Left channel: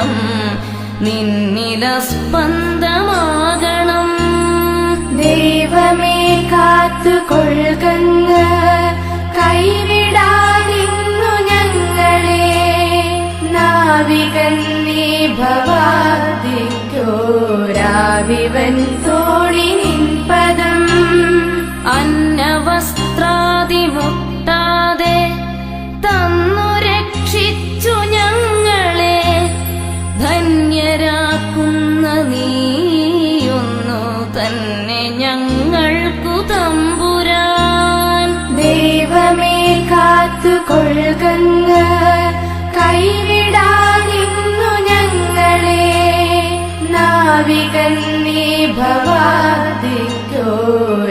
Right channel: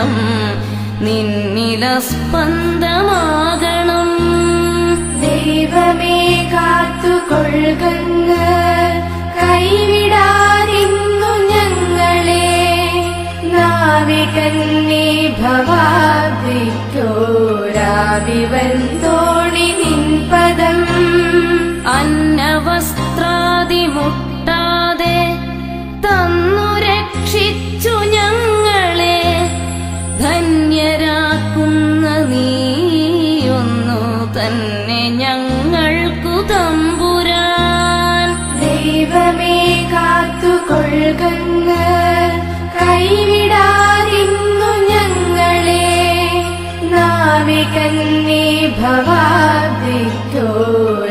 ഹൃദയം നിന്നിലസ്പന്ദമാകണം. ദൈവമേ കാത്തുകൊള്ളുന്ന കൈവിടാതിന്നു ഞങ്ങളെ, നാവികൻ നീ ഭവാദിക്കോരാവിവൻ തോഴി നിൻ പദം. അന്നവസ്ത്രാദി മുട്ടാതെ തന്നു രക്ഷിച്ചു ഞങ്ങളെ, ധന്യരാക്കുന്ന നീയൊന്നു തന്നെ ഞങ്ങൾ